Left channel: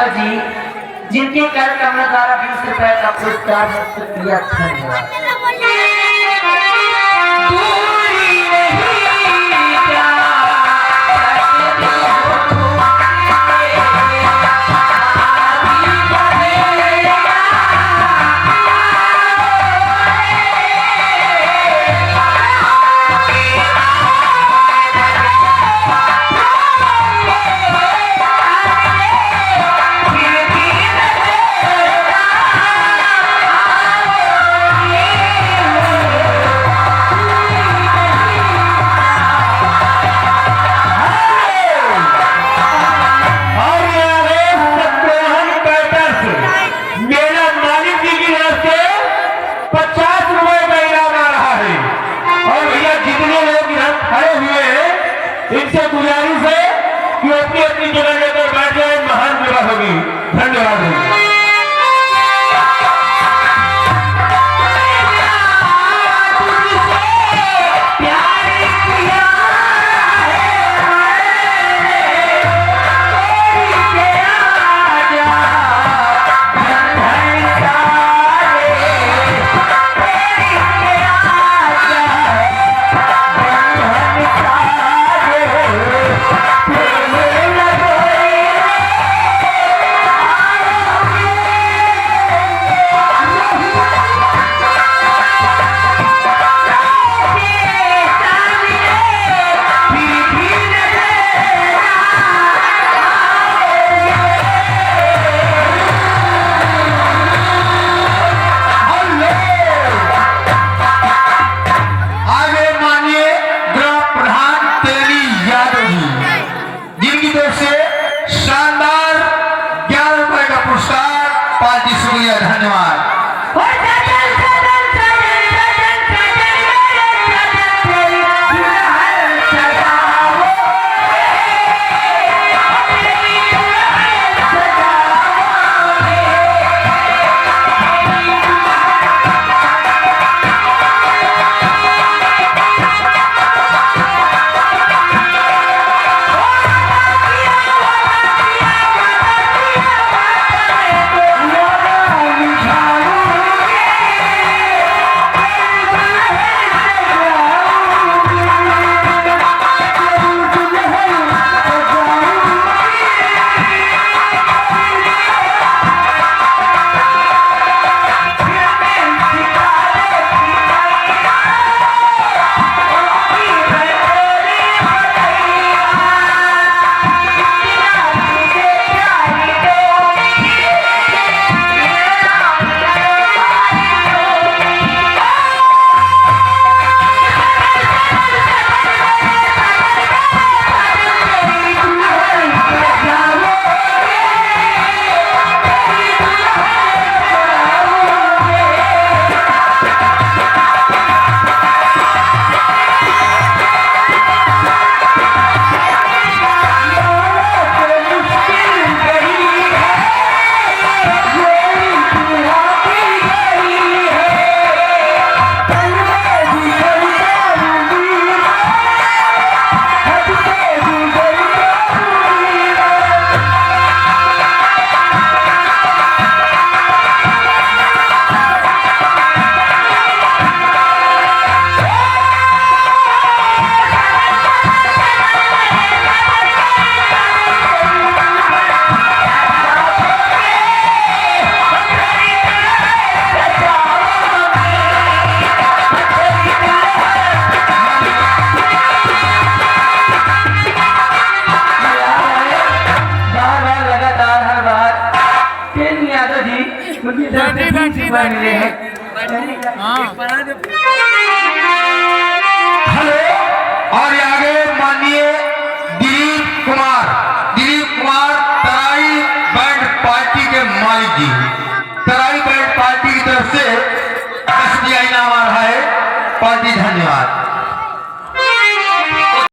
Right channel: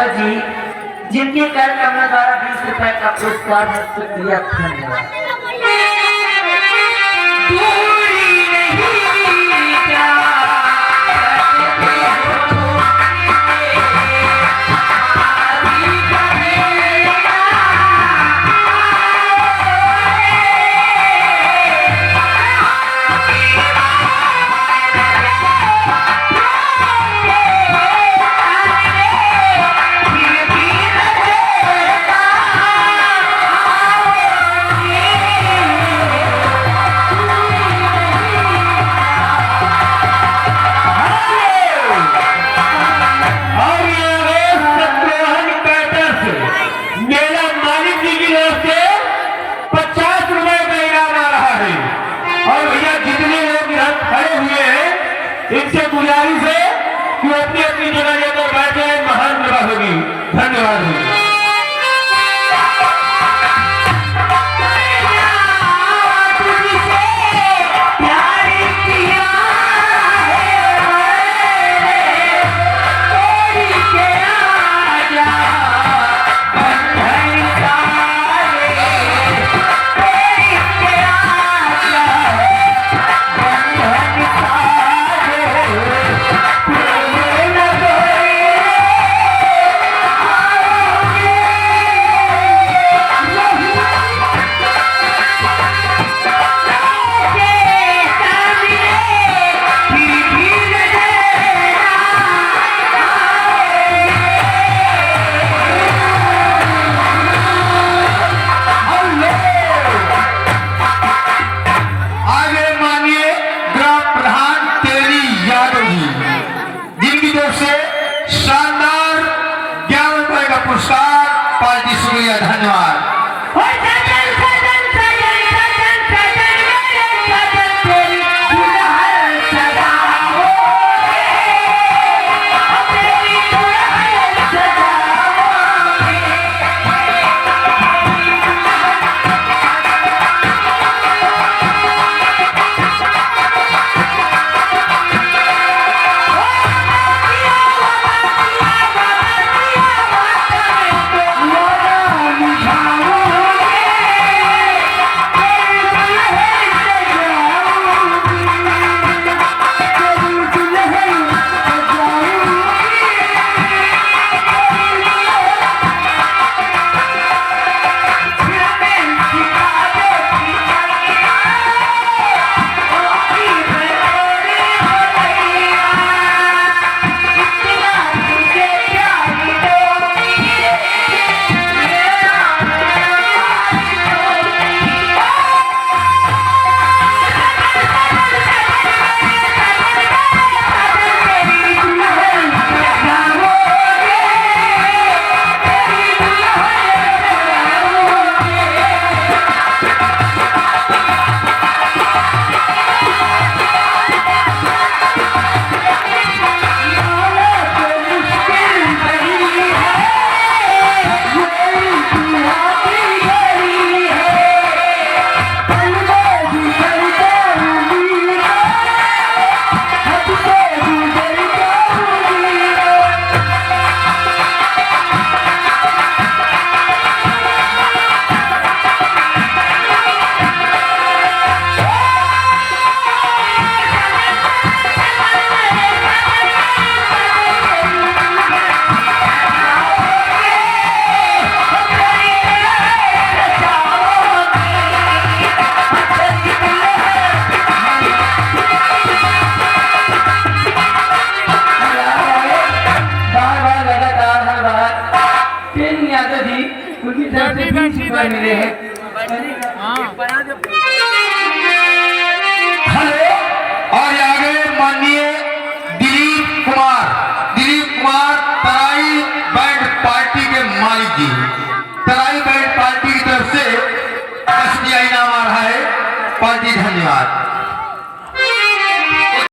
यादव जी, जिनके कर कमलों द्वारा 20 रुपए का पुरस्कार प्रस्तुत किया। धन्यवाद। इनसे गुजारिश है कि अपनी अपनी जगह लेकर बैठे। महान जगह होगी। धन्यवाद। शानदार 11 रुपए का पुरस्कार पार्टी शुक्रिया। धन्यवाद। उनकी तरफ से 20 रुपए मिले हैं। हेलो। और आगे माननीय दिलीप कुमार तराई बैंड पार्टी के मालिक जी, तराई बैंड पार्टी की तरफ से SDI इनाम आ रहा है। पार्टी धन्यवाद।